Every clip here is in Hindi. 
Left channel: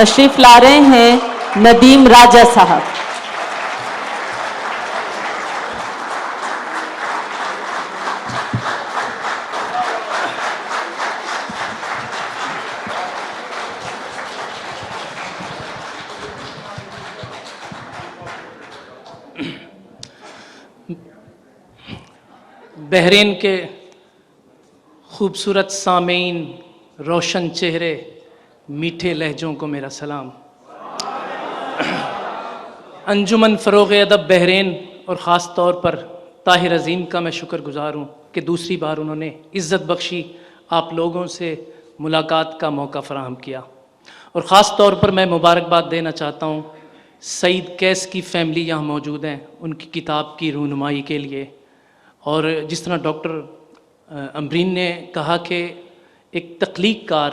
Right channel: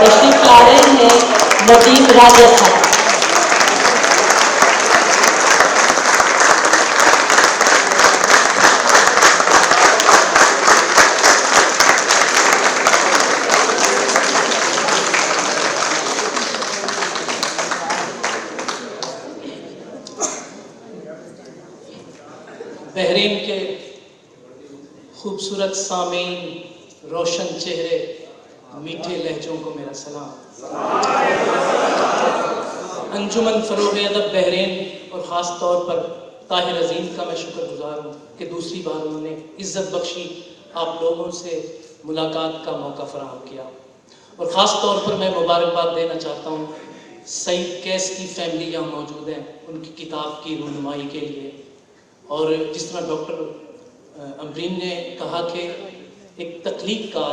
तशरीफ ला रहे हैं नदीम राजा साहब। बहरीन के खूबसूरत सामीन, रोशन चेहरे, मीठे लहजों को मेरा सलाम। अंजुमन फ़रोग़ अदब बहरीन और ख़ास तौर पर ताहिर अज़ीम का मैं शुक्रगुज़ार हूँ कि दूसरी बार उन्होंने इज़्ज़त बख्शी, आप लोगों से मुलाकात का मौका फ़राहम किया। और ख़ास तौर पर मैं मुबारकबाद देना चाहता हूँ सईद कैस की फ़ैमिली यहाँ मौजूद हैं, उनकी किताब की रूनुमाई के लिए। और जिस तरह डॉक्टर अमरीन ने कहा कि एक तख्लीक़कार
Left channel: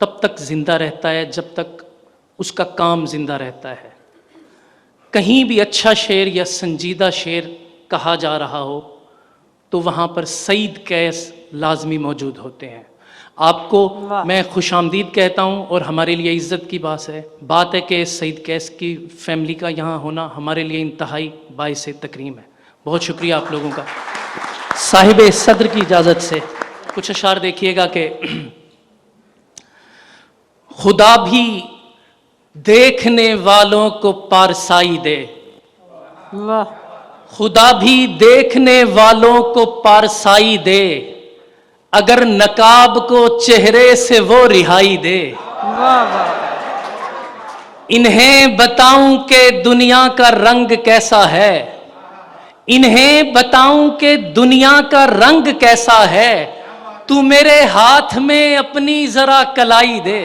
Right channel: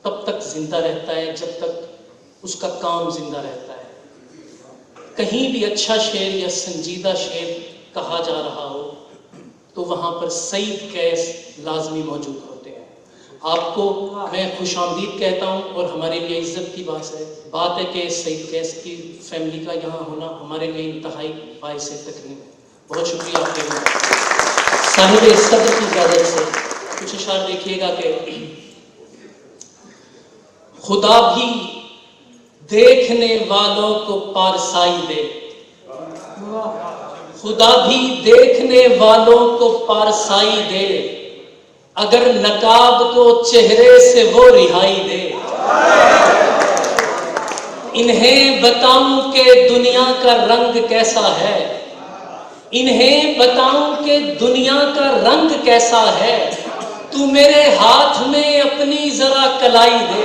तब तक ज़िंदा रहता है जब तक उसका काम ज़िंदा रहता है। कहीं भी अच्छा शेर या संजीदा शेर कहा जा रहा हो तो वहाँ पर सईद कैस लाजमी मौजूद होते हैं। आपको मैं खुशामदीद कहता हूँ और हमारे लिए इज़्ज़त की बात है कि सईद कैस की फ़ैमिली का यहाँ होना हमारे लिए इंतहाई बाइस तकरीम है। बहुत शुक्रिया आप लोगों का। साहिब सदर की इजाज़त से कुछ अशार देखिएगा कि खुदा भी देखने वालों को पारसाई दे, खुदा भी देखने वालों को पारसाई दे, अगर नकाब को चेहरे से वो रिहाई दे। इन्हें बताऊं कि दुनिया का रंग कैसा है, इन्हें बताऊं कि दुनिया का रंग कैसा है, तू मेरे हाथ में अपनी जरा कलाई दे।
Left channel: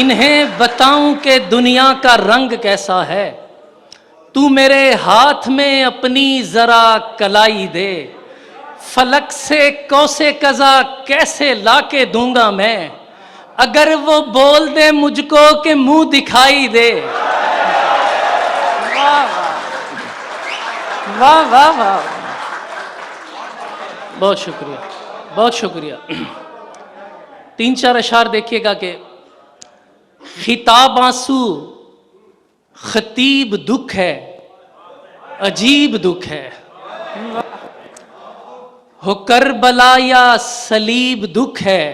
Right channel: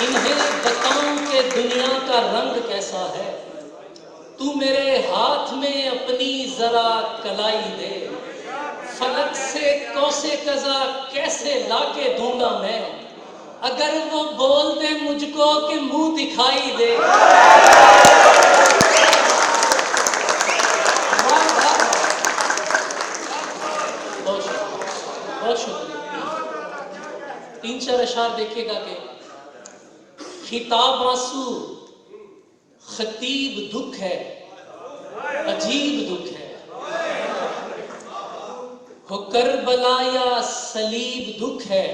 इन्हें बताऊं कि दुनिया का रंग कैसा है, तू मेरे हाथ में अपनी जरा कलाई दे। फलक से कौसे कज़ा कैसे लाके दूंगा मैं, अगर वो बोल दे मुझको कि मुंह दिखाई दे। वाह वाह वाह, बहुत शुक्रिया, बहुत शुक्रिया। 3-4 अशार देखिएगा कि खिताब आंसू, खतीब दुख है, अजीब दुख है, हो करबला या सलीब दुख है,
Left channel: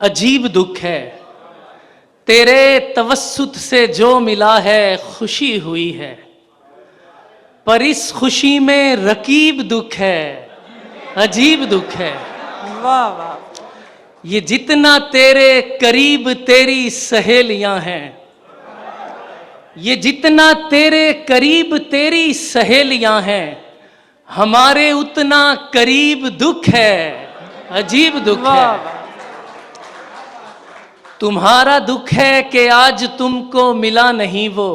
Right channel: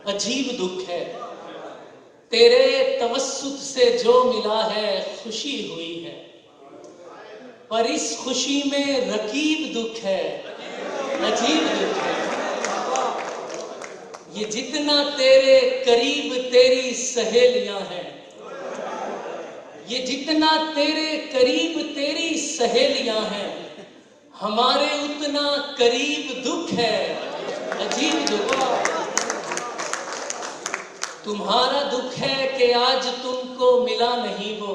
अजीब दुख है। तेरे तवस्सुत से जो मिला है खुशी हुई है, पर इस खुशी में रकीब दुख है, अजीब दुख है। वाह वाह, ये जितना तेरे करीब तेरी सहेलियां हैं, ये जितना तेरे करीब तेरी सहेलियां हैं, हमारे उतना करीब दुख है, अजीब दुख है। तुम्हारा दुख है कि आज तुमको मिला नहीं वो,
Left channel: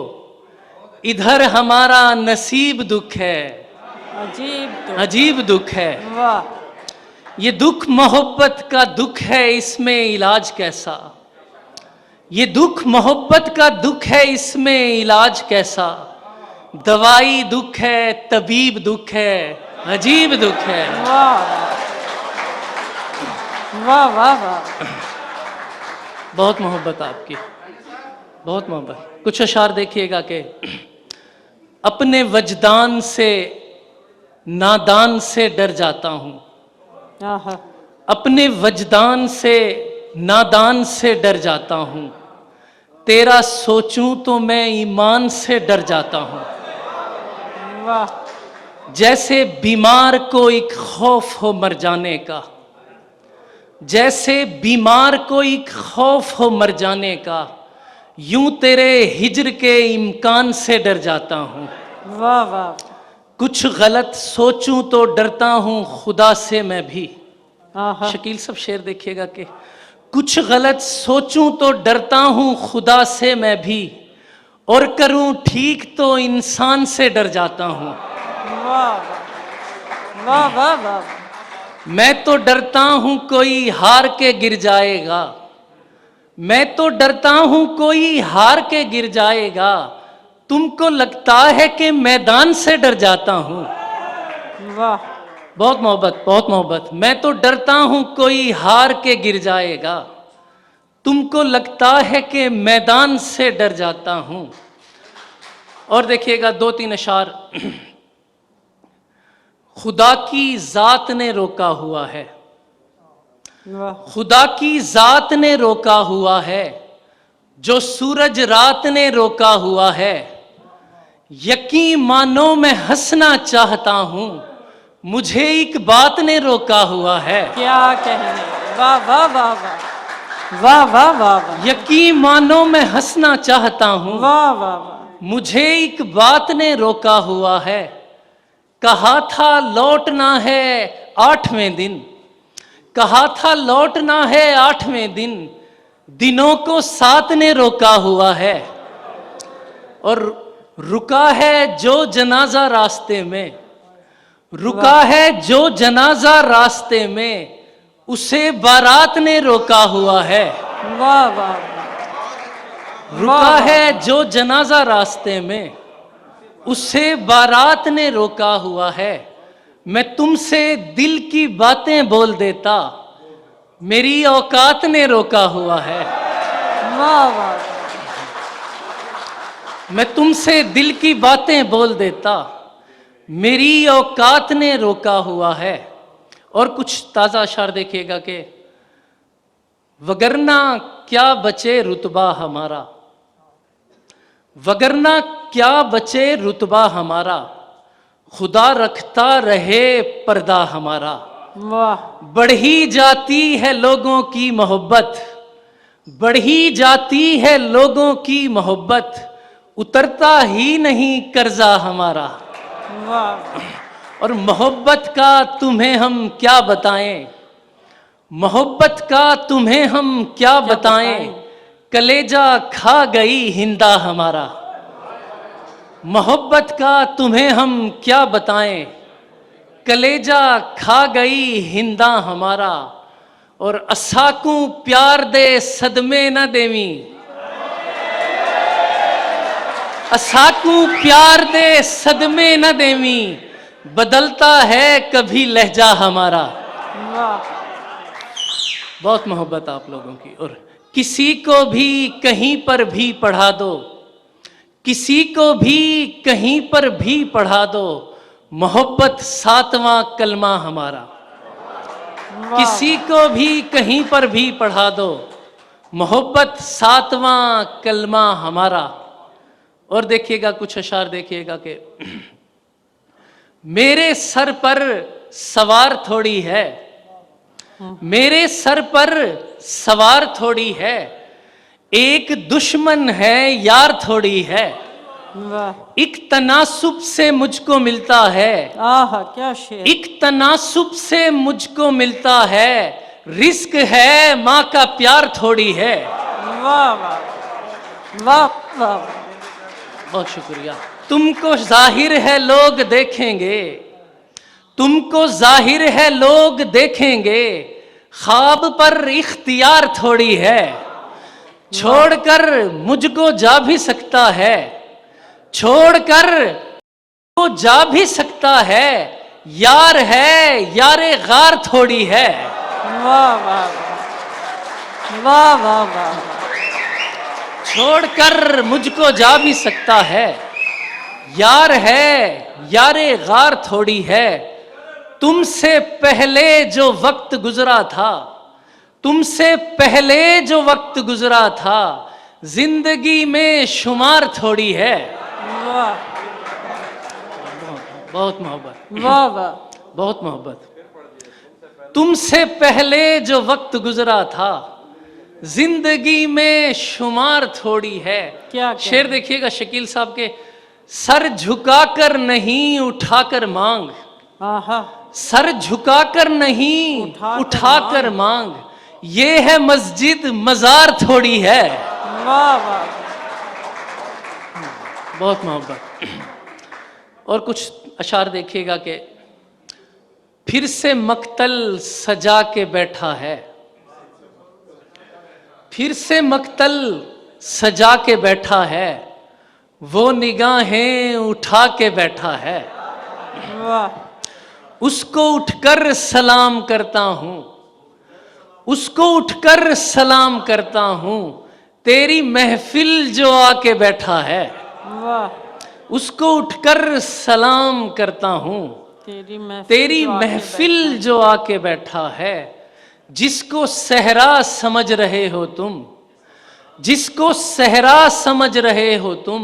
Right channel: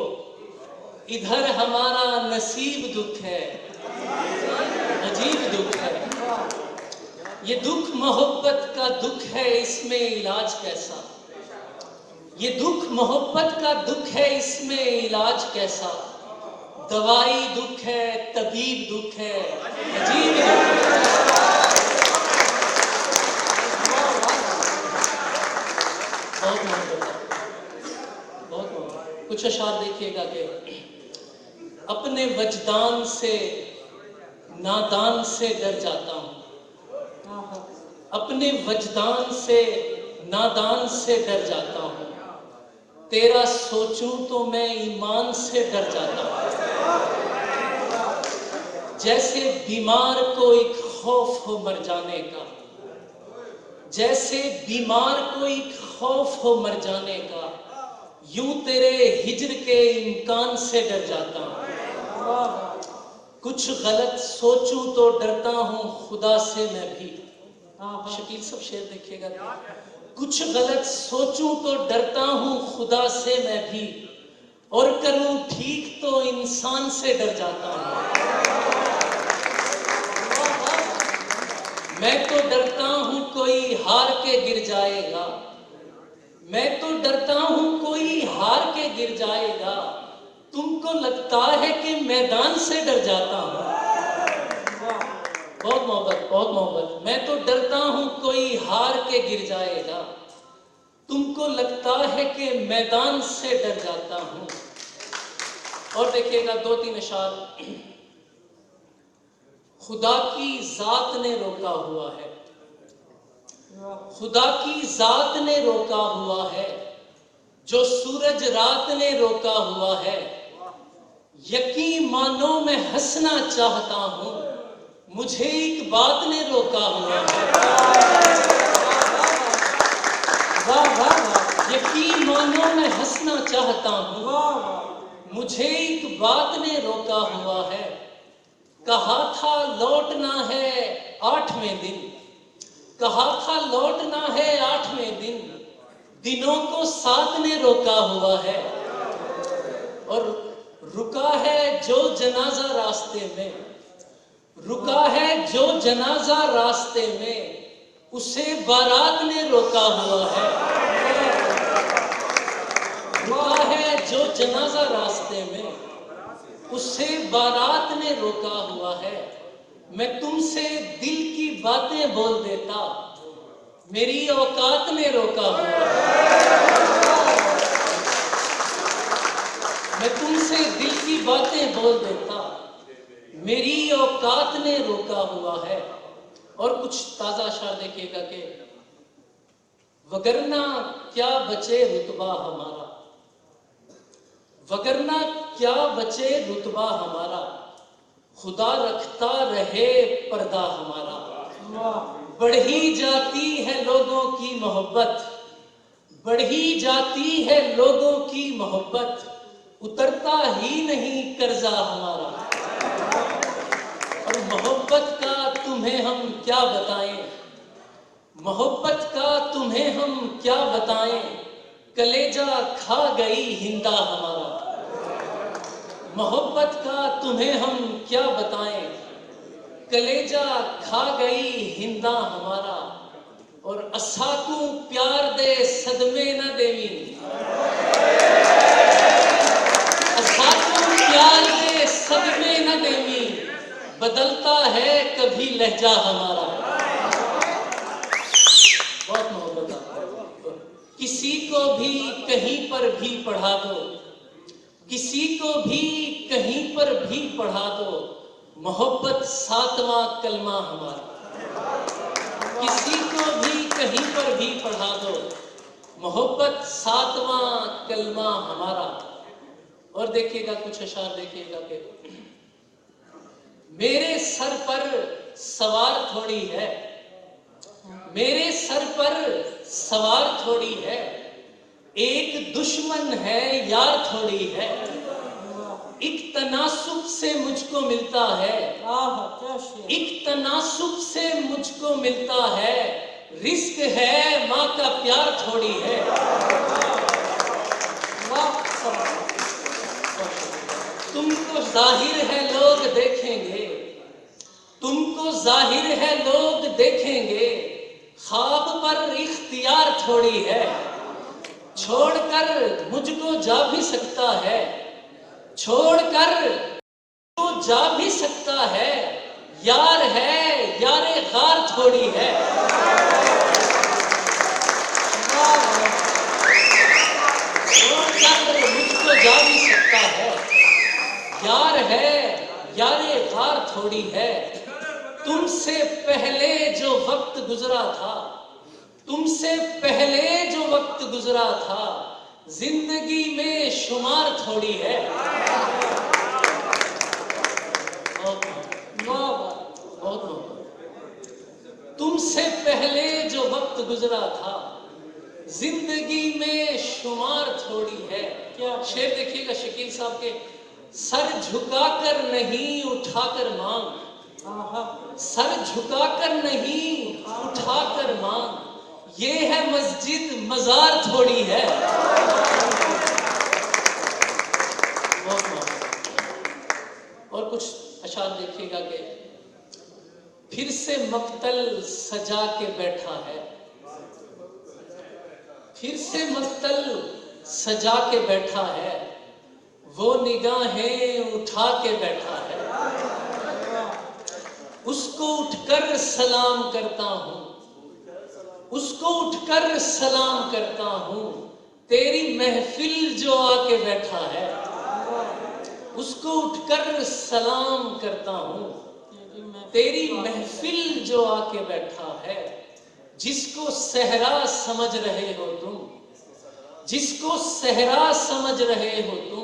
इधर हमारा नसीब दुख है, अजीब दुख है। ये दुख मोहब्बत का दुख है, इसमें इलाज कैसा, ये दुख मोहब्बत का दुख है, इसमें इलाज कैसा। दवाई दुख है, तबीब दुख है, अजीब दुख है। वाह वाह वाह, बहुत मोहब्बत आपकी, बहुत मोहब्बत। कुछ अशार देखिएगा कि अपने वजदान से नादान से डर जाता हूँ, अपने वजदान से नादान से डर जाता हूँ, तेरा सोचूं तो मैं ईमान से डर जाता हूँ। जैसे बीमार को एक खौफ हो मर जाने का, जैसे बीमार को एक खौफ हो मर जाने का, यूं तेरे हिज्र के इम्कान से डर जाता हूँ। वाह वाह, कुछ गलत सोचूं तो डरता हूँ खुदा से मैं भी। शकील सब शेर देखिएगा कि कुछ गलत सोचूं तो डरता हूँ खुदा से मैं भी, और करूं ठीक तो इंसान से डर जाता हूँ। वाह वाह वाह, मैं तो डरता हूँ कोई हार के गिर जाएगा, मैं तो डरता हूँ कोई हार के गिर जाएगा, तुमको लगता है कि मैदान से डर जाता हूँ। वाह, बहुत मोहब्बत, बहुत मोहब्बत। मैं तो डरता हूं कोई हार के गिर जाएगा, तुमको लगता है कि मैदान से डर जाता हूं। और देखिएगा 2-3 अशार। खुदा की जात ने रोका हुआ है, वाह खुदा की जात ने रोका हुआ है, जो सूरज रात ने रोका हुआ है। यकीन मानो मैं हंसना चाहता हूं, मुझे एक बात ने रोका हुआ है। क्या कहने, वाह वाह वाह वाह वाह वाह वाह यकीन मानो मैं हंसना चाहता हूं, वाह वाह मुझे एक बात ने रोका हुआ है। कहा था लौटना है 8वें दिन, कहा था लौटना है 8वें दिन, दिनों को 7 ने रोका हुआ है। और रुका है जो जनाजा रास्ते में, रुका है जो जनाजा रास्ते में, उसे बारात ने रोका हुआ है। वाह वाह रुका है जो जनाजा रास्ते में, उसे बारात ने रोका हुआ है। मैं तुमसे दिल की बातें बोल देता, मेरी औकात ने रोका हुआ है। वाह वाह मैं तुमसे दिल की बातें बोल देता, मेरी औकात ने रोका हुआ है। और कुछ ताज़ा अशार देखिएगा कि वगरना क्या बचे रुतबा हमारा, वगरना क्या बचे रुतबा हमारा, खुदा रखता रहे पर्दा हमारा। वाह बढ़ी जाती है लोगों की मोहब्बत, बढ़ी जाती है लोगों की मोहब्बत, उतरता ही नहीं कर्जा हमारा। वाह और मोहब्बत का तुम्हें हम क्या बताएं, मोहब्बत का तुम्हें हम क्या बताएं, कलेजा खा गई हिंदा हमारा। मोहब्बत का तुम्हें हम क्या बताएं, कलेजा खा गई हिंदा हमारा। और असाकू प्यार दे सदमे न देवी, असाकू प्यार दे सदमे न देवी, बदलता है कभी लहजा हमारा। वाह बहुत मोहब्बत आप लोगों की। और किसी को भी कहीं पर भी पढ़ा दो, किसी को भी कहीं पर भी पढ़ा दो, मोहब्बत 7वां कलमा हमारा। किसी को भी कहीं पर भी पढ़ा दो, मोहब्बत 7वां कलमा हमारा। और देखिएगा कुछ अशार देखिएगा कि मेरे सर पर सवार थोड़ी है, मेरे सर पर सवार थोड़ी है, एक दुश्मन है यार थोड़ी है। वाह एक तनासुब से मुझको मिलता है, आहा क्या शेर, एक तनासुब से मुझको मिलता है, रिस्क है माँ का प्यार थोड़ी है। वाह वाह वाह वाह बहुत शुक्रिया। तुमको जाहिर है लोग देखेंगे, तुमको जाहिर है लोग देखेंगे, ख्वाब पर इख्तियार थोड़ी है, छोड़कर मुझको जा भी सकता है, छोड़कर वो जा भी सकता है, यार है यारे गार थोड़ी है। वाह वाह वाह वाह वाह छोड़कर मुझको जा भी सकता है, यार है यारे गार थोड़ी है। तुमसे पहले जो वक्त गुजरा था, तुमसे पहले जो वक्त गुजरा था, जिंदगी में शुमार थोड़ी है। वाह बहुत मोहब्बत, वाह वाह बहुत मोहब्बत। तुमसे पहले जो वक्त गुजरा था, जिंदगी में शुमार थोड़ी है। क्या कहने? शेर देखिएगा शकील साहब के, सर झुकाकर नहीं उठाकर मांग, आहा सर झुकाकर नहीं उठाकर मांग, ये है मस्जिद मजार थोड़ी है। वाह वाह बहुत मोहब्बत। और कुछ अशार देखिएगा कि फिर से मक्तल सजा के बैठा है, फिर से मक्तल सजा के बैठा है, वो निगाहें उठा के बैठा है। वाह उसको उठकर सलाम करता हूं, उसको उठकर सलाम करता हूं, तेरी महफिल जो आके बैठा है। वाह उसको उठकर सलाम करता हूं, तेरी महफिल जो आके बैठा है। जिसको सहरा समझ रहे हो तुम, जिसको सहरा समझ रहे हो तुम,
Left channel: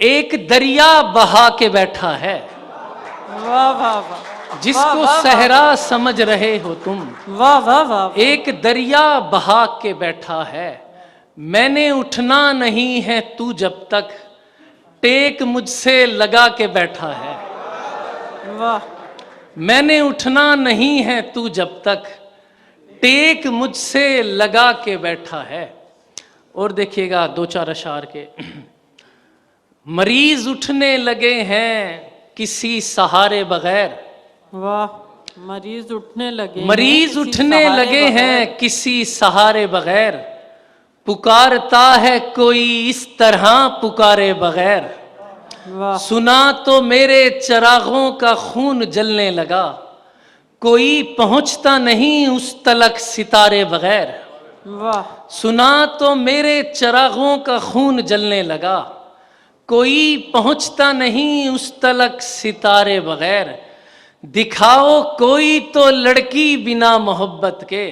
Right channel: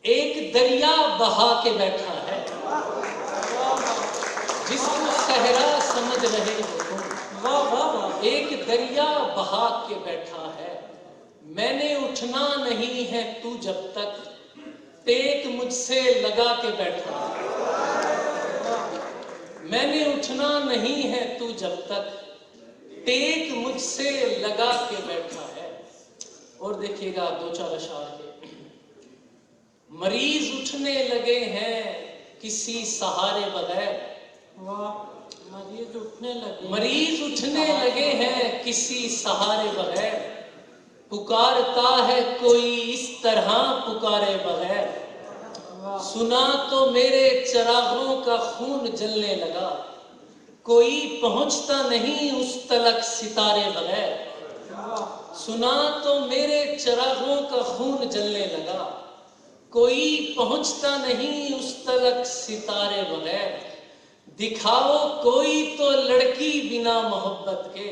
एक दरिया बहा के बैठा है। वाह वाह वाह जिसको सहरा समझ रहे हो तुम, वाह वाह वाह एक दरिया बहा के बैठा है। मैंने उठना नहीं है तू जब तक, टेक मुझसे लगा के बैठा है। वाह मैंने उठना नहीं है तू जब तक, टेक मुझसे लगा के बैठा है। और देखिएगा दो चार अशार के। मरीज उठने लगे हैं किसी सहारे बगैर, वाह मरीज उठने लगे मरीज उठने लगे हैं किसी सहारे बगैर। पुकारता है कोई इस तरह पुकारे बगैर। वाह सुना तो मेरे चरागों का खून जलने लगा, कोई पहुंचता नहीं उस तलक सितारे बगैर। वाह सुना तो मेरे चरागों का खून जलने लगा, कोई पहुंचता नहीं उस तलक सितारे बगैर। दिखाओ कोई तो लड़की बिना मोहब्बत के,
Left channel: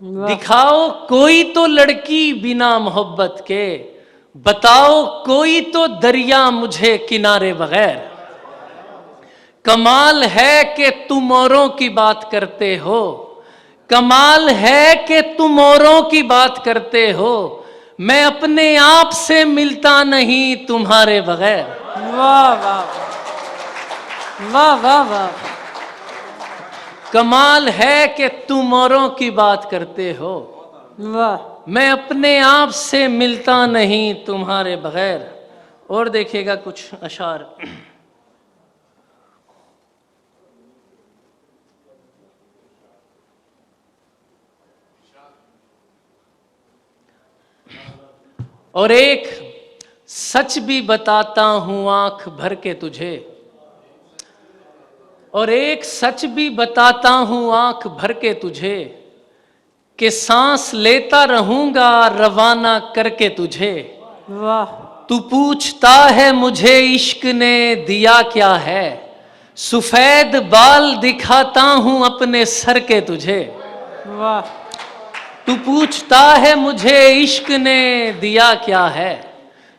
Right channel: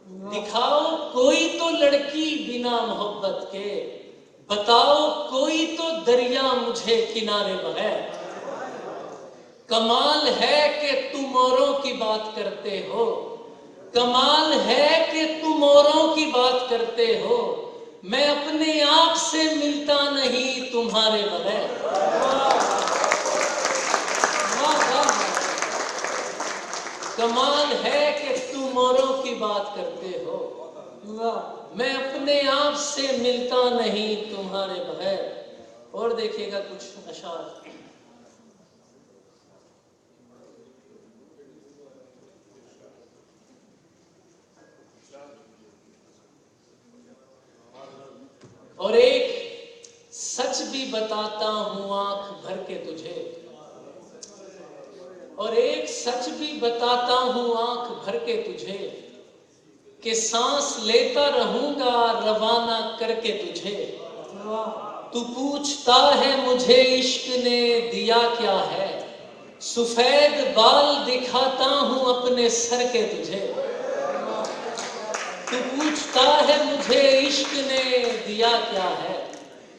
दिखाओ कोई तो लड़की बिना मोहब्बत के, बताओ कोई तो दरिया मुझे किनारे बगैर। कमाल है कि तुम औरों की बात करते हो, कमाल है कि तुम औरों की बात करते हो, मैं अपने आप से मिलता नहीं तुम्हारे बगैर। वाह वाह वाह वाह वाह कमाल है कि तुम औरों की बात करते हो, वाह मैं अपने आप से मिलता नहीं तुम्हारे बगैर। और देखिएगा कुछ अशार। और एक सच भी बताता हूं आंख भर के तुझे, और एक सच भी बताता हूं आंख भर के तुझे, कि सांस लेता रहूंगा रवाना करके तुझे। वाह तू पूछता है मुझे इश्क ने दिया क्या है, सफेद बाल दिखाता हूं अपने सर के तुझे। वाह तू पूछता है मुझे इश्क ने दिया क्या है,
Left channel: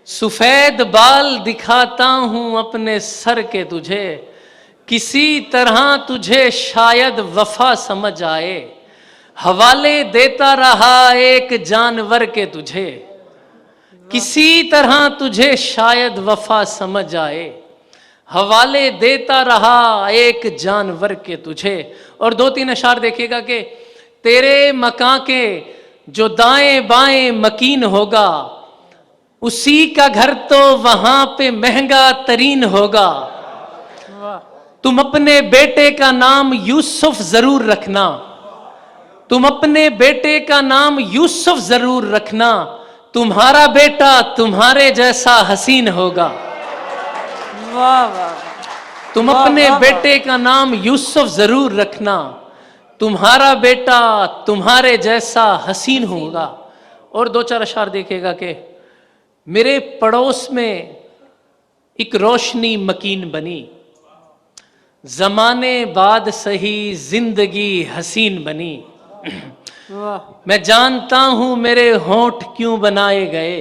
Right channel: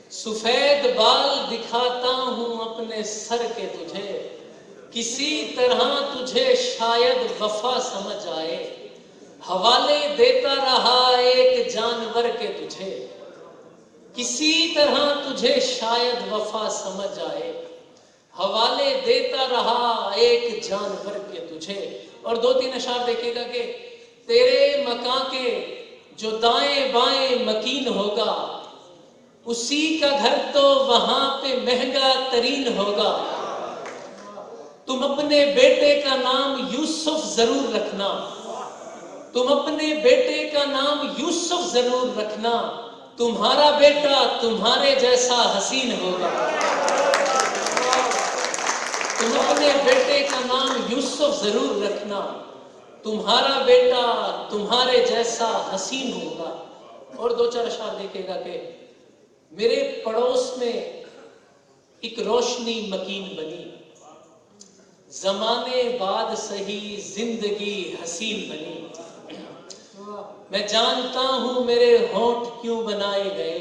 सफेद बाल दिखाता हूं अपने सर के तुझे। किसी तरह तुझे शायद वफा समझ आए, हवाले देता रहा एक जानवर के तुझे। किसी तरह तुझे शायद वफा समझ आए, हवाले देता रहा एक जानवर के तुझे। और दो तीन अशार देखिएगा कि तेरे मकां के जो दाएं बाएं मकीन होगा, उसी का घर तो वहां पे महंगा तरीन होगा। तुम अपने बेटे का नाम यूसुफ जरूर रखना, तुम अपने बेटे का नाम यूसुफ जरूर रखना, तुम्हारा बेटा तुम्हारे जैसा हसीन होगा। वाह वाह तुम अपने बेटे का नाम यूसुफ जरूर रखना, तुम्हारा बेटा तुम्हारे जैसा हसीन होगा। और दो चार अशार देखेगा कि मेरे पड़ोस में एक रोशनी मकीन बनी, जमाने बाद सही जिंदगी हसीन बनी। वाह मैं जानता हूं मेरे होंठ क्यों बनाए गए,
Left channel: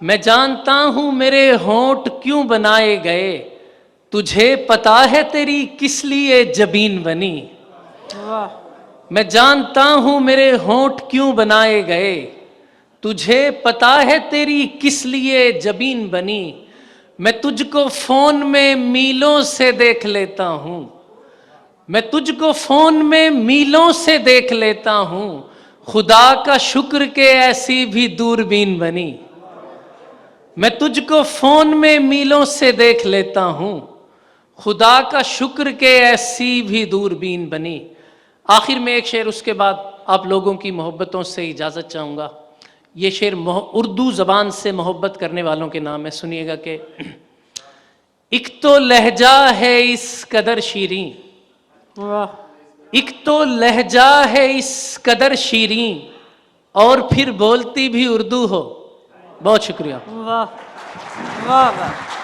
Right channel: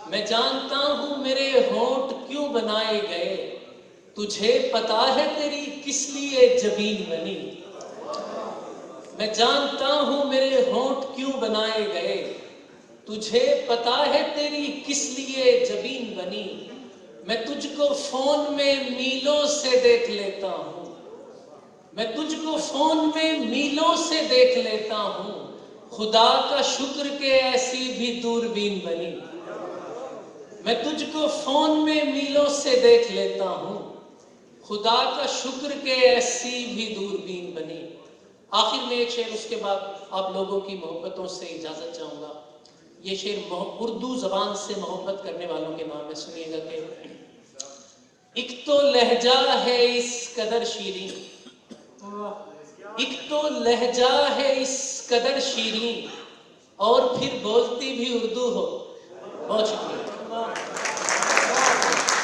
मैं जानता हूं मेरे होंठ क्यों बनाए गए, तुझे पता है तेरी किस लिए जबीन बनी। वाह मैं जानता हूं मेरे होंठ क्यों बनाए गए, तुझे पता है तेरी किस लिए जबीन बनी। मैं तुझको फोन में मीलों से देख लेता हूं, मैं तुझको फोन में मीलों से देख लेता हूं, खुदा का शुक्र के ऐसी भी दूरबीन बनी। मैं तुझको फोन में मीलों से देख लेता हूं, खुदा का शुक्र के ऐसी भी दूरबीन बनी। आखिर में एक शेर, उसके बाद आप लोगों की मोहब्बतों से इजाज़त चाहूँगा। ये शेर उर्दू ज़बान से मोहब्बत करने वालों के नाम है। सुनिएगा कि एक तो लहजा है इस कदर शीरीं, वाह एक तो लहजा है इस कदर शीरीं, और फिर बोलती भी उर्दू हो। बहुत शुक्रिया। वाह वाह वाह